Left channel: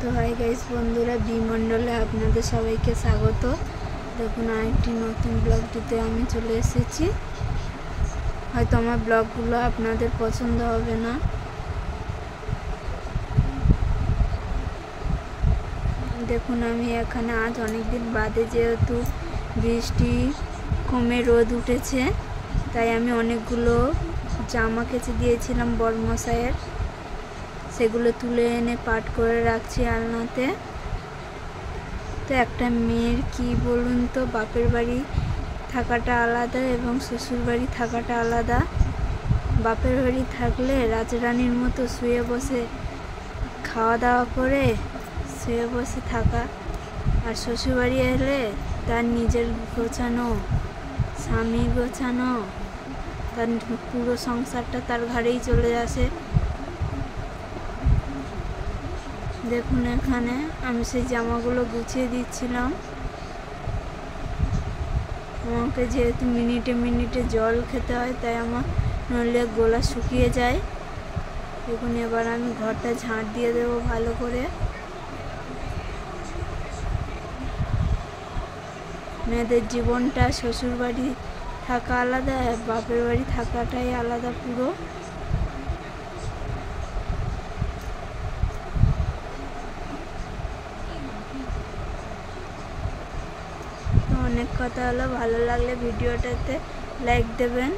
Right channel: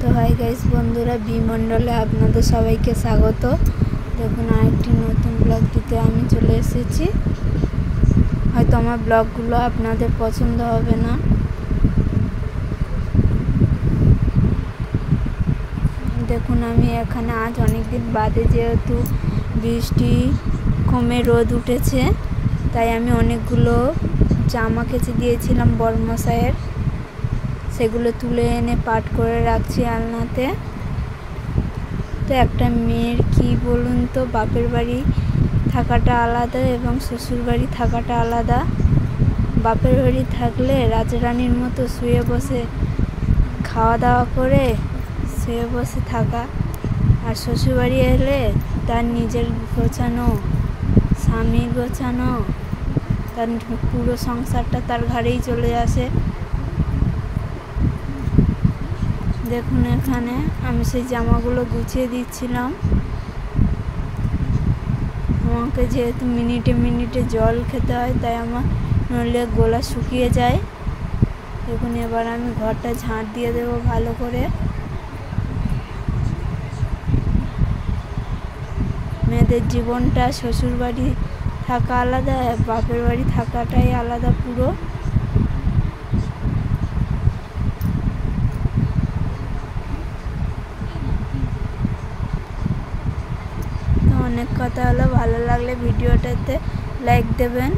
তো hi guys বন্ধুরা, বিমণ্ডলে আপনাদের সবাইকে স্বাগত। দেখুন আরেকটি নতুন ব্লগ দিতে আমি চলে এসেছি। হয়তো আমার ব্লগগুলো আপনাদের পছন্দ হবে না। দেখুন আমি এখানে আজ অনেকদিন বাদে, যেহেতু বৃষ্টি কমে রোদ উঠেছে, তাই আমি অনেকগুলো জামা কেচে দিয়েছিলাম বড়মশাইয়ের, সেগুলো তুলে এনে পাট করে রাখছি আলনাতে। তো একটা মেয়ের কি বলুন তো, বাপের বাড়ি থাকাটা আলাদা এবং শ্বশুর বাড়ি থাকাটা আলাদা। বাপের বাড়ি থাকলে রাজরানীর মতো শুয়ে বসে খাওয়া দাওয়া করে শুয়ে বসে থাকা, আর শ্বশুর বাড়ি এলে তার নিজের গোছানো, স্বামী গোছানো, তার পুরো সংসারটা তার ঘাড়েই চলে আসে। দেখুন এখানে আমি সেই জামাগুলো গুছিয়ে দিচ্ছিলাম। আমাকে যেহেতু মিনিটে মিনিটে জল খেতে হয়, তাই আমার নইলে গলা শুকিয়ে যায়। দেখুন এবার আমি ঘরটা ঝাঁট দিয়ে দেবো ভালো করে। মেয়েদের জীবনটা শ্বশুর বাড়ি থাকা আলাদা, বাপের বাড়ি থাকাটাই আলাদা পুরো। অনেক কথা হলো, ভালো লাগলে ভিডিওটাতে লাইক দেবেন।